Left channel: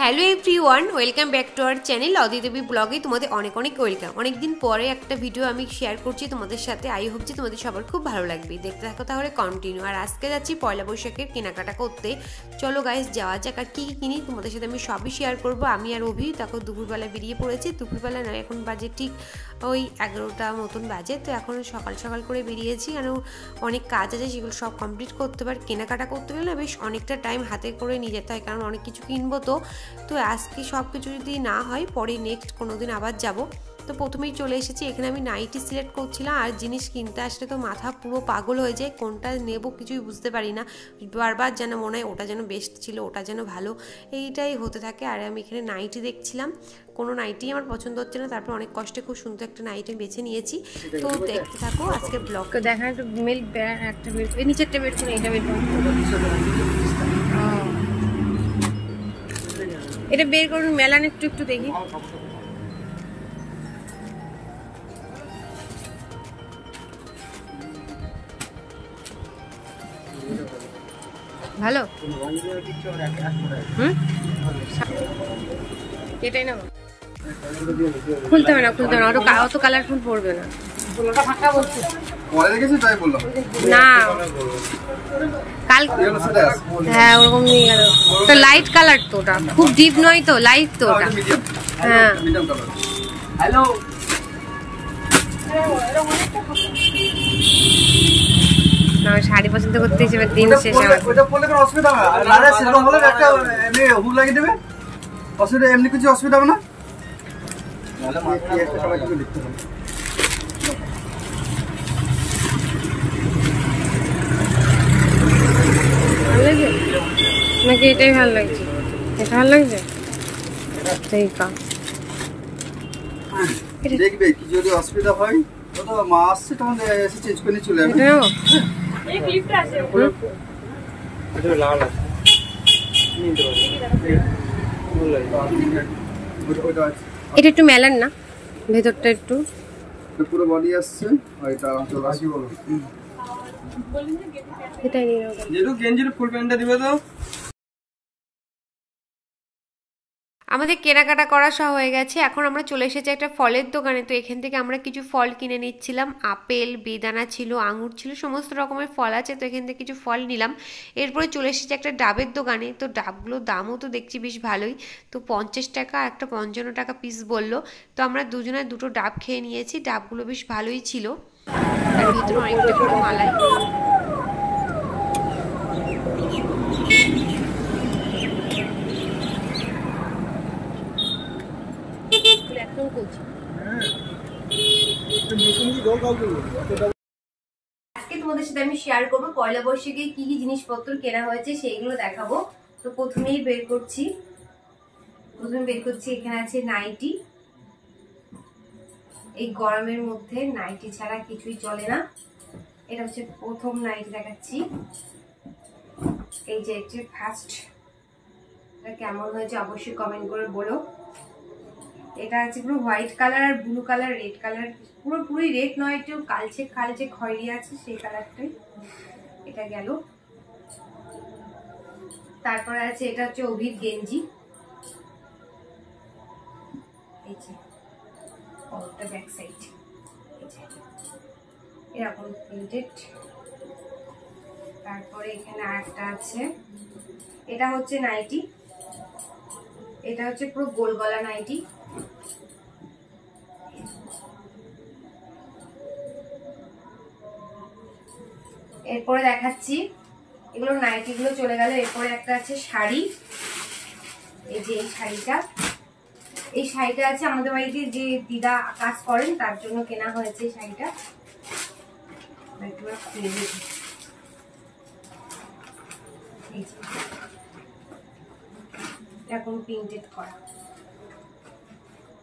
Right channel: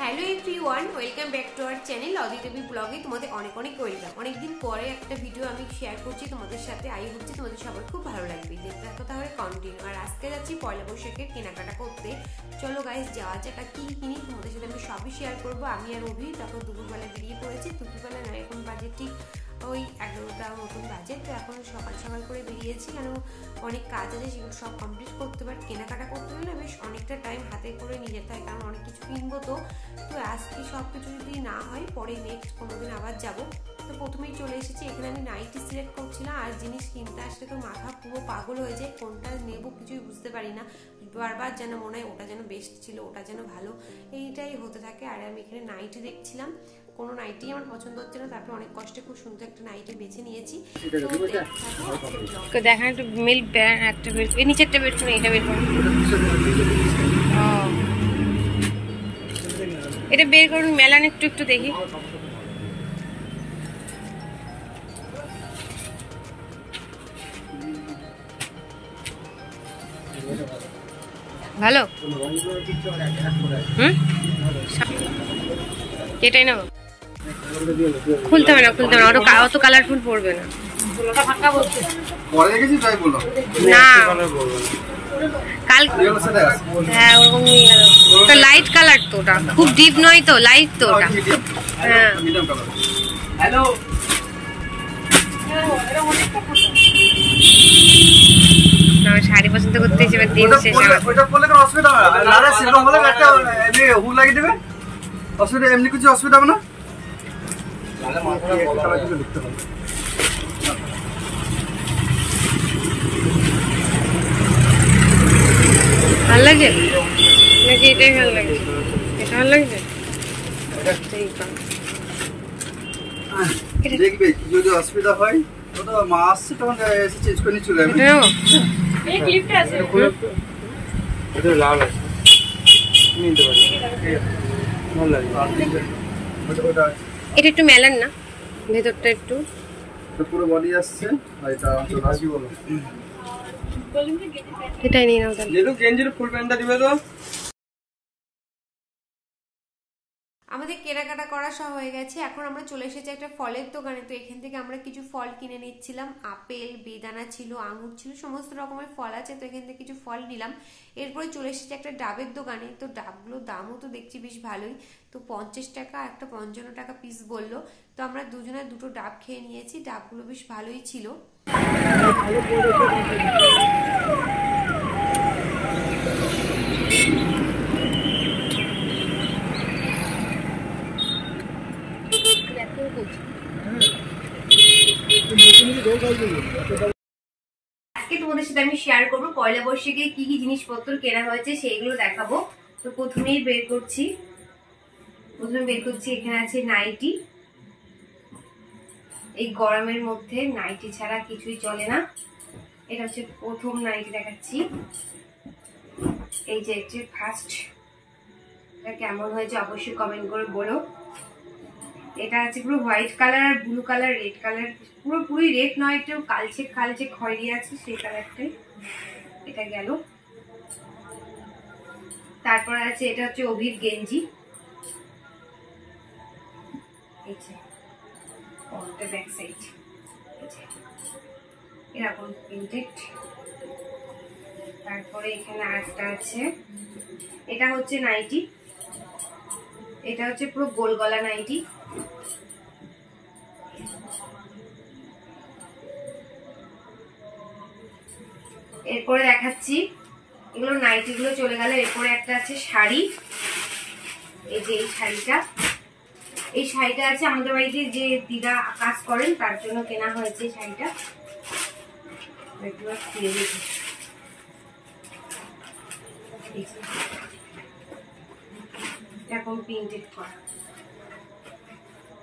Hello everyone, welcome back to our channel Aditi ব্লগে তোমাদের অনেক অনেক ওয়েলকাম। অনেকদিন পরে একটা ভিডিও আমি শেয়ার করছি তোমাদের সাথে। আই হোপ যে তোমাদের সবার খুব ভালো লাগবে, দেখতে থাকো তাহলে কন্টিনিউ। আর আজকে যাচ্ছি পয়লা বৈশাখের কেনাকাটা করতে। চলো গাইস যাওয়া যাক। আর কী কিনি তোমাদের সাথে আমি সবই শেয়ার করবো। আমি আর অভি তখন দুপুরবেলা বেরিয়ে পড়েছি। দুপুরবেলা নয়, এখন বাজে ঠিক ওই 11টা মতন বাজে। তো এখন সকাল সকাল করে বেরিয়েছি, কেন অনেক কাজ আছে সেগুলো সব কমপ্লিট করতে পারে। কেনাকাটা করতে গেলে বেশ অনেকটা টাইম হাতে করে নিয়ে যেতে হয়, কারণ অনেক কিছু কিনবো। তো আজকে সব কিছু যদি না হয় পরে নেক্সট কোনো দিন আবার যাব। তো প্রথমেই চলে এসেছি এখানে। আমি নাইটি সিলেক্ট করছিলাম, আর জিনিস কিনতে আসলে তো মাথা পুরো পাগল হয়ে যায়, কোনটা নেব কিছুই বুঝতে পারি না। বারবার যেন মনে হয় ওটা যেন বেস্ট ছিল, ওটা যেন ভালো, এইটাই হতে থাকে। আর আমি এখানে নাইটি দেখছিলাম, কোনো নাইটি আমার পছন্দ হচ্ছে না। তারপর অনেক কষ্টে খুব সুন্দর একটা নাইটি বেছে নিয়েছি। তো দেখতে থাকো আজকে ব্লগ। দেখেন একটু মিল একটা বের, এই নিচে একটা বের করে, এটা বের করুন। এটা বের করুন, মেলান একটু একটু দেখি। ভালো, এটাই নেব। খুলতে হবে না, খুলতে হবে না, অত কালারফুল পড়বে না। না কাল, হ্যাঁ ওরকম নিয়ে গেল তো। লাইট কালার তো ওটা, খুব ডিপ নয় তো, লাইট তো ওটা। হ্যাঁ হ্যালো, না শাড়ি পছন্দ করতে এসে দিন শেষ। ওটা বললে কোনো অসুবিধা হবে না, লারা সেরকম বলে একটা এমনি হুক লাগিয়ে দেবে, অসুবিধা এমনি কিছু অসুবিধা হবে না। নালে মাথা একটা কালার কিছু লিখতে হবে। ভালো লাগে নাকি এটাই ভালো লাগে? এটা ভালো লাগবে, এটাই কাম। দেখবে যদি অসুবিধা হয় তো মা আসছে তখন এসে চেঞ্জ করে চলে যাবে। এই ক্লিপটা আছে, এটা লাল আছে, নিতে পারবে। ভালো লাগে ওটা আছে। এটা একটু মেলান না, ভেতরটা একটু। পুরো বডি আসছে, আর এটা চলে আসি বলো। এটাই নিয়ে নাও তাহলে। যেটু গেঞ্জির ফুল প্যান্টটা দিবে তো। আমাদের কেনাকাটা করা সব হয়ে গেছে। এখন আমরা চলে এসেছি একটা ফলের দোকানে। তো এখান থেকে আমরা কিছু ফল কিনে নিচ্ছিলাম। আপেল, বেদানা ছিল, আঙুর ছিল, সমস্ত রকমের ফল আছে। তো এখান থেকে কিছু ফল নিলাম। এরপরে চলে এসেছি একটা ডাবের দোকানে। তো ডাবগুলোর দামও তো দেখছি বেশ ভালোই। তো 50 টাকা, একটা 55 টাকা পিস বললো। তো আমরা দুজনে দুটো ডাব খেয়ে নিয়েছি। ডাবগুলো বেশ ভালোই ছিল। আজকে তোমাদের সাথে আমি শেয়ার করবো পয়লা বৈশাখে কি কি জিনিসপত্র কেনা হয়েছে, সেইগুলো দেখাবো। তো প্রথমে বের করছি এখানে আছে নাইটি। এই গরমের মধ্যে নাইটি ছাড়া কিছুই চলে না। এটা হচ্ছে প্রথম নাইটি দেখাচ্ছি। এই যে ফার্স্ট, এটা কেমন হয়েছে অবশ্যই কমেন্ট করে বলো। এটা আছে পুরো হোয়াইট কালার আর ব্লু কালার, রেড কালার, পুরোপুরি রেড নয়, একটু কালচে কালচে খয়েরি আছে সেই কালারটাই। এটা গেল। তারপরে আছে এটা হচ্ছে অভির গেঞ্জি। এই যে ওটা ব্যাক সাইড, এরকম প্রিন্টেড। তারপরে এখানে আরেকটা আছে, এটা হচ্ছে নাইটি। এটা হচ্ছে পুরো গোল গলা নাইটি। এরপরে দেখাচ্ছি, এগুলো নাইটি গুলো চলে গেল। এরপরে একটা আছে শাড়ি। এই যে এই শাড়িটা আছে আমাদের বাড়িতে যে দিদা কাজ করেন তার জন্য কেনা হয়েছে এই শাড়িটা। এখন প্রিন্টেড করা,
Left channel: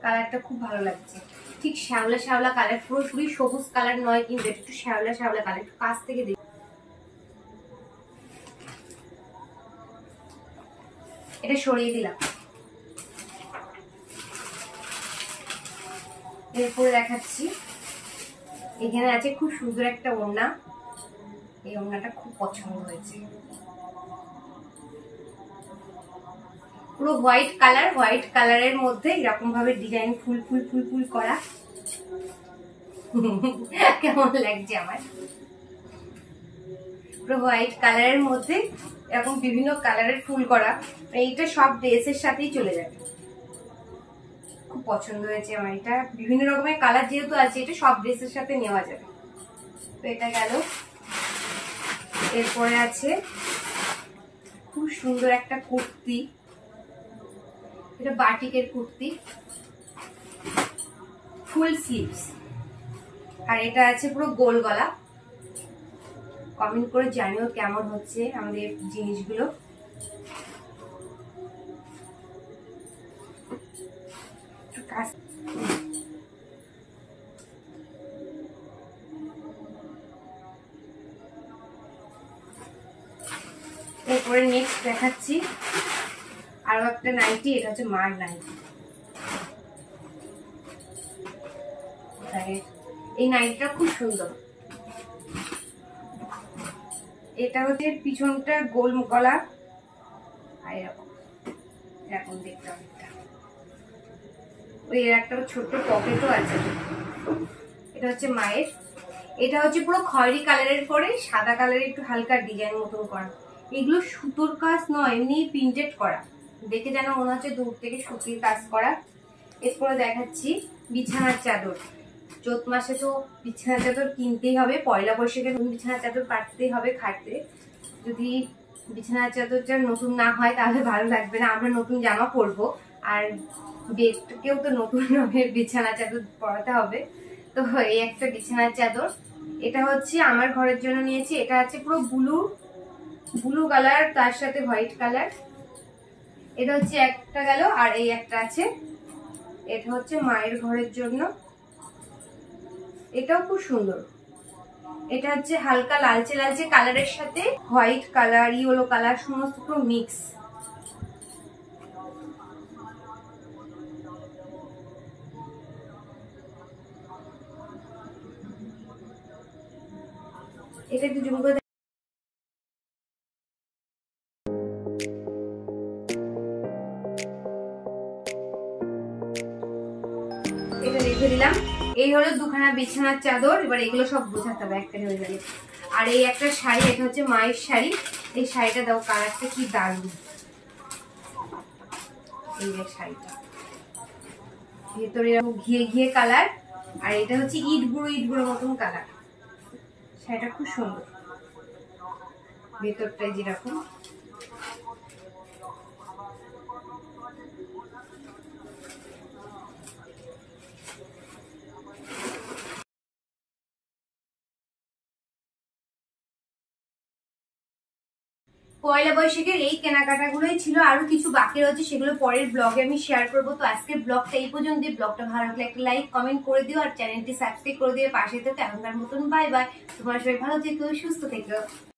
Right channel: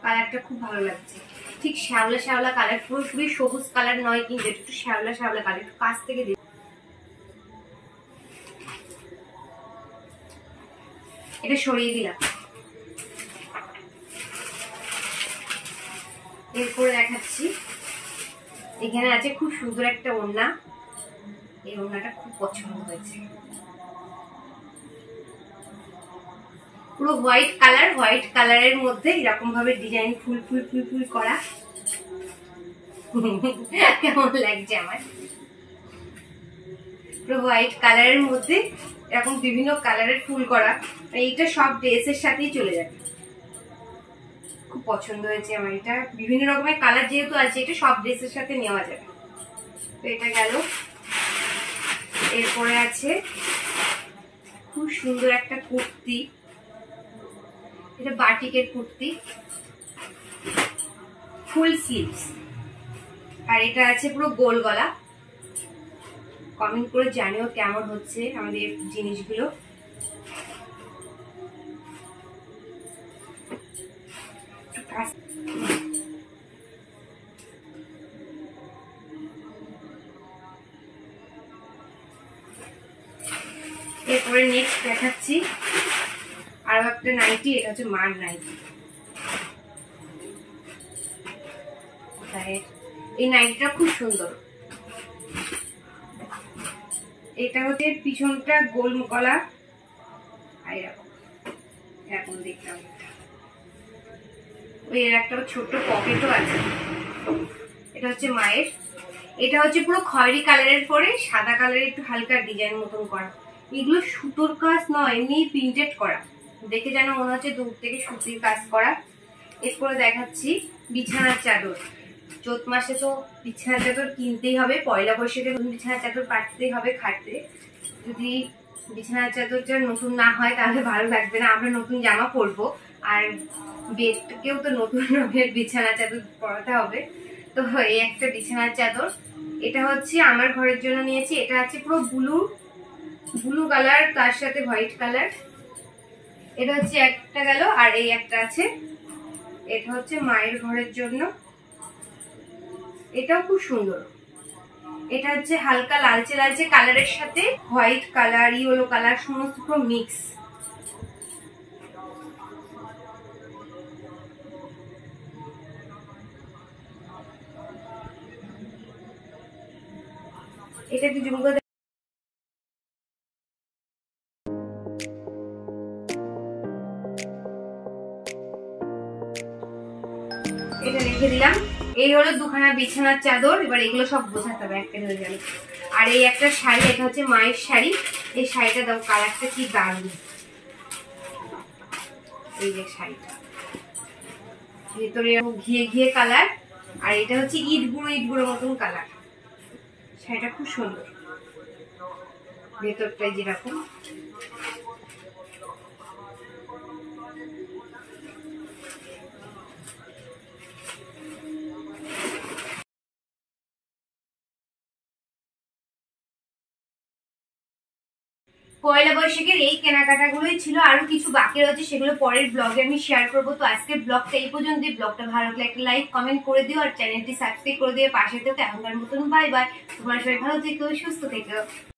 কালারটা খুব ভালো লাগছে। ঠিক শ্যাওলা শ্যাওলা কালার, পুরোপুরি সবুজ কালার নয় কিন্তু একটু শ্যাওলা শ্যাওলা কালার। একটু কাছ থেকে দেখি, এটা সরিয়ে দিলাম। এরপরে দেখাচ্ছি, এখানে আছে খুব সুন্দর একটা ওড়না। এই ওড়নাটা খুব পছন্দ হয়েছে। পুরো হোয়াইট কালার, হোয়াইট কালারের মধ্যে এরকম ভাবে ডিজাইন ফুল ফুল ফুল ফুল করা। কেমন লাগছে আমার? পুরো হোয়াইট কালারের মধ্যে এরকম বিভিন্ন কালারের ফুল করা। এইটা সব ড্রেসের সাথেই চলে যাবে। খুব পছন্দ হয়েছে আমার এটা। বিভিন্ন রকমের কালার যেহেতু আছে, এটা সব ড্রেসের সাথে নেওয়া যাবে। তো এটা গেল। এরপরে আছে খুব সুন্দর একটা কুর্তি, এটা বাটিকের কুর্তি, ফুল স্লিভস, আর এটা আছে পুরো গোল গলা। কমেন্ট করে জানিও কেমন হচ্ছে আমাদের জিনিসগুলো। এরপরে নেক্সট দেখাচ্ছি আরো একটা নাইটি, এটা হচ্ছে মার নাইটি। এই নাইটিটা খুব সুন্দর। এটা হচ্ছে পিছনটা গোল গলা, আর এরকম দেখলাম ওই একটা ছোট্ট পকেটও আছে। এটা হচ্ছে মায়ের। এটা হচ্ছে পুরো খয়েরি কালারের পরে সাদা কালারের একটু হালকা ডিজাইন মতন করা। এগুলো সুতোর কাজ নয়, এমনি প্রিন্টেড করা, দেখে যেন মনে হচ্ছে দূর থেকে সুতির কাজ করা। এরপরে দেখাচ্ছি বিছানার চাদর। চৈত মাসে তো বিছানার চাদর কিনতেই হবে, পয়লা বৈশাখে বিছানার চাদর পাততেই হবে খাটতে। যদি বিছানার চাদরটা নতুন না হয় তাহলে ভালো লাগবে না। আমরা নতুন জামা পরবো, আর বেডকেও তো নতুন রঙের বিছানার চাদর পরাতে হবে। তো এই একটা বিছানার চাদর, এটা হচ্ছে আমার ঘরের জন্য নিয়েছি। এটা হচ্ছে পুরো ব্লু কালার, তার সাথে হোয়াইট কালার। এটা হচ্ছে একটা গেল, আর এই একটা আছে, এটা হচ্ছে মায়ের ঘরের জন্য। এটাও খুব সুন্দর। এটা হচ্ছে হালকা লালচে লালচে কালারের সাথে হোয়াইট কালার, ইয়েলো কালার, সমস্ত পুরো মিক্স। এটা একটু জুম করে এটা রেখে দিলাম। এই হলো দুখানা বিছানার চাদর। এবার এগুলো সব বোঝাতে হবে একটা হয়ে গেল। আর এই একটা শাড়ি, এটা হচ্ছে মায়ের শাড়ি। এই শাড়িটা দাও, কালারটা কি দারুণ। এই যে শাড়িটা ভেতরে ঘিয়ে ঘিয়ে কালার, আর এটা হচ্ছে ইট গুঁড়ো মতন কালার। শাড়িটা খুব সুন্দর, ভেতরটাই যেরকম। পয়লা বৈশাখের এই কেনাকাটাগুলোই ছিল, আরো কিছু বাকি রয়েছে, সেগুলো পরের ব্লগে আমি শেয়ার করবো। তো আজকের ব্লগটা এই পর্যন্ত। ব্লগটা ভালো লাগলে একটা লাইক কমেন্ট করে দিও, আর চ্যানেলটি সাবস্ক্রাইব করে দিও পাশে। তো এখনকার মতন বাই বাই। তোমরা সবাই ভালো থেকো, সুস্থ থেকো।